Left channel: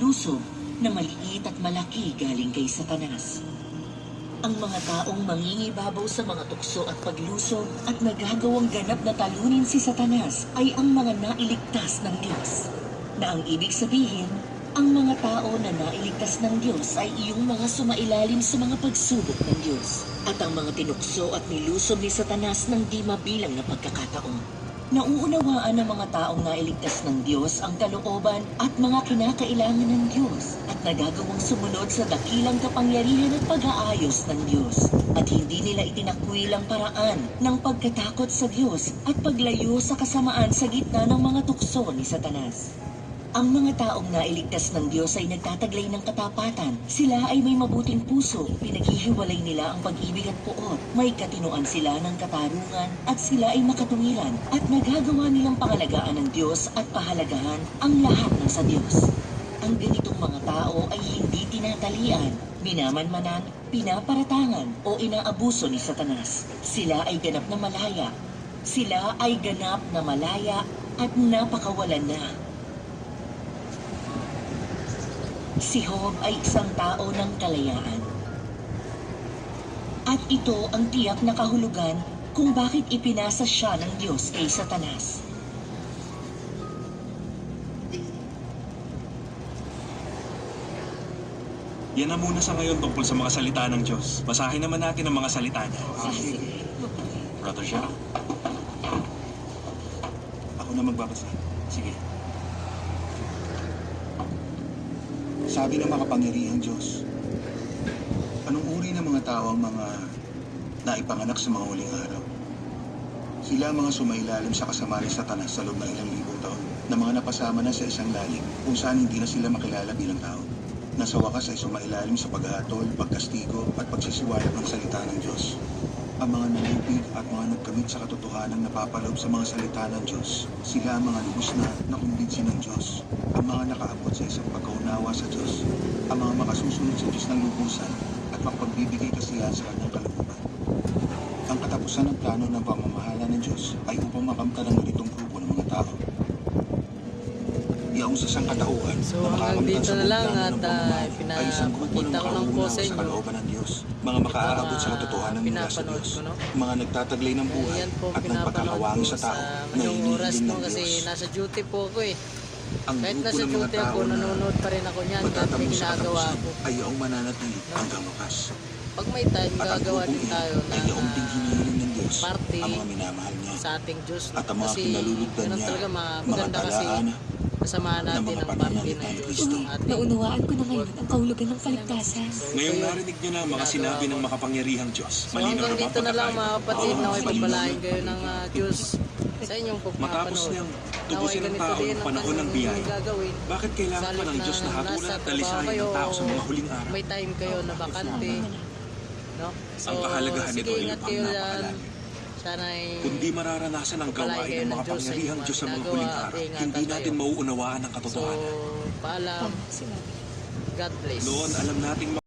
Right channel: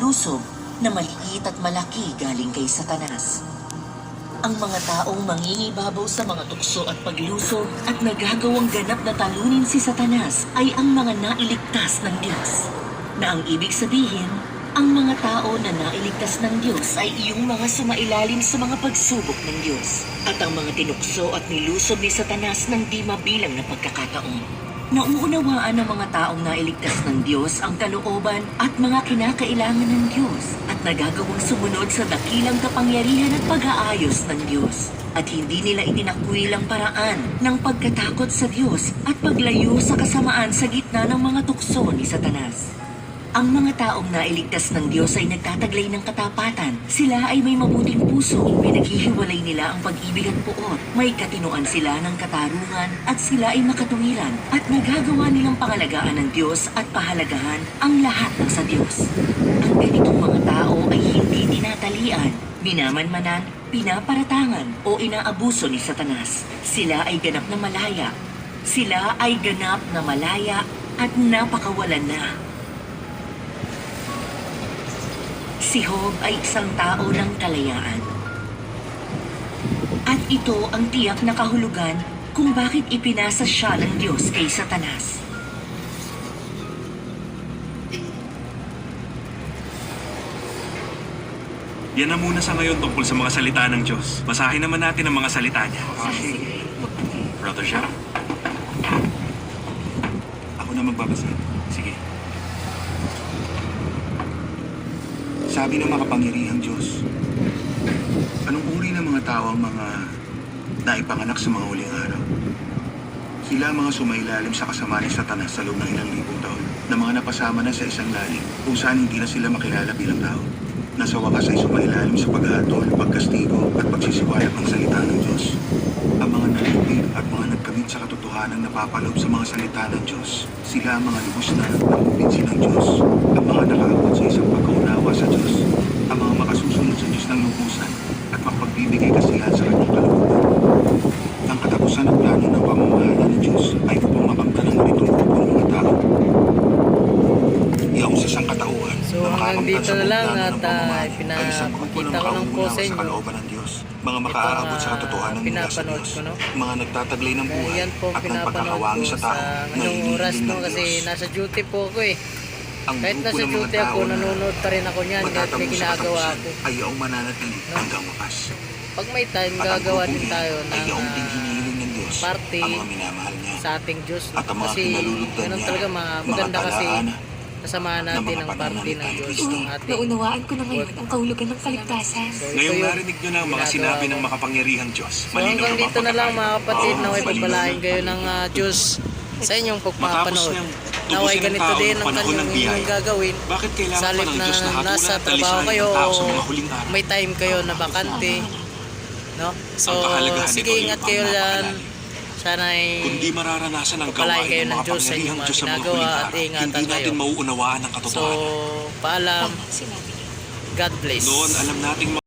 panlusob na maliit at malaki galing kay Satanas. Ang mga taong mangingibabaw sa mga tukso at paglusob at nagagawang ganap na talunin si Satanas ay ang mga nailigtas ng Diyos. Na ang ibig sabihin, ang mga tao na nailigtas ng Diyos ay iyong mga sumailalim sa mga pagsubok ng Diyos. At ang mga tinukso at nilusob ni Satanas ng di mabilang na pagkakataon. Nauunawaan ng mga taong nailigtas ng Diyos ang kalooban at mga kinakailangan ng Diyos at nagagawang sumunod sa dakilang kapangyarihan at pag-aayos ng Diyos. At hindi nila itinakwil ang paraan ng pagkatakot sa Diyos at paglayo sa kasamaan sa gitna ng mga tukso ni Satanas. Ang mga taong nailigtas ng Diyos ay nagtataglay ng katapatan. Sila ay may mabuting puso. Pinaghihiwalay nila ang pag-ibig at puot. May katinuan sila ng katarungan at sila ay makatuwiran. At nagagawa nilang pangalagaan ng Diyos at pahalagahan ang lahat ng sa Diyos. Ang ganitong mga tao ay hindi tinatalian, minamanmanan, pinaparatangan o inaabuso ni Satanas. Sila ay ganap na malaya. Sila ay ganap na malaya at napakawalan na. Si Job ay isang tao ng kalayaan. At ito ang tiyak na kahulugan kung bakit ipinasa siya ng Diyos kay Satanas. Yan na muna sa ngayon tungkol sa mga salita ng Diyos. Basahin naman natin ang mga salita niya. Brother Sharon. Ako na magbabasa. Sige. Sabi ng makapangyarihang Diyos, anong uri ng mga tao ang mga naipanganak sa mga huling araw? Sila ang mga sumailalim sa kasama ni Satanas sa loob ng ilang libong taon, na mga napasama na sa isang lalim kung saan hindi na sila makilala bilang tao. Na sa wakas ay sumailalim sa paghatol, pagkastigo at pagsisiwalag ng salita ng Diyos. Ang mga nalipid at mga nagkamit sa katotohanan napapaloob sa mga salita ng Diyos. Sila ang mga lubos na pagpipinsin ng Diyos. Ang mga nakaabot sa isang pagkaunawa sa Diyos. Ang mga makasusunod sa Diyos ng lubusan at mapagbibigay kasiyahan sa kanyang kalooban. Ang katapusan ng plano ng pamamahala ng Diyos ay upang makamtan ang maritong grupo ng mga tao. Iyaw sa isang katauhan So na hanggang makakamtan dito sa na lang plano at ng pamamahala ay isang grupo ng pinakita ko lang po makaunawa sa sa inyo kalooban ng Diyos. Mga ito makaaabot sa katotohanan mula sa pinapanood Diyos. ko, no? Mga nagtataglay ng buhay Yan po at pinapanood nagpagkawangi ko sa sa tao na ngayong iniiling oras ng no kasi Diyos. nasa duty po ako eh. Ang Kahit grupo nasa ng mga duty tao ako, na nanonood pa rin ako niyan kahit may magtatapos sa ginagawa katapusan ako. ay iyong mananatili hanggang wakas. Pag may time, At ang gagawa grupong din iyan tayo ay ng iyong hinihiling ng Diyos party ang mga minamahal niya. sa ating Diyos. At ang mga Kasi kinalulugdan ganun niya, talaga mga maganda kasi talaan kasamahan ng natin mga ang party pananalita ng ni Diyos Kristo. ng ating Naunawaan ko na ngayon ang kahulugan ng kaligtasan. So, ito Ngayong yun. narinig nyo na ang mga Ginagawa sinabi ko. ng makapangyarihang Diyos. So hanggang dito na lang mga kapatid, Oo, naway malinaw pagpalain na. kayo ng Diyos sa inyong Matapos pagpapanood. niyang Naway tubusin ang ganito tao din ng ang panahon kanyang ng biyaya. inyong gagawin. Bakit kailangan Sa pa halip ng na Diyos na hapunan nasa at trabaho talisayan kayo ang tao sa o mga huling araw? may time kayo na bakante. No? So, Ang kahalagahan sige, nito ingat yung kayo ang dyan. napakalalim. Sana ay Kundi mararanasan ang palain gawain kayo ng ng Diyos sa makapangyarihang inyong mga Diyos sa mga ginagawa huling at araw. ingatan Hindi natin kayo. mauunawaan ang So, katotohanan. paalam. Sinabi niya. God bless. Noon, alam nating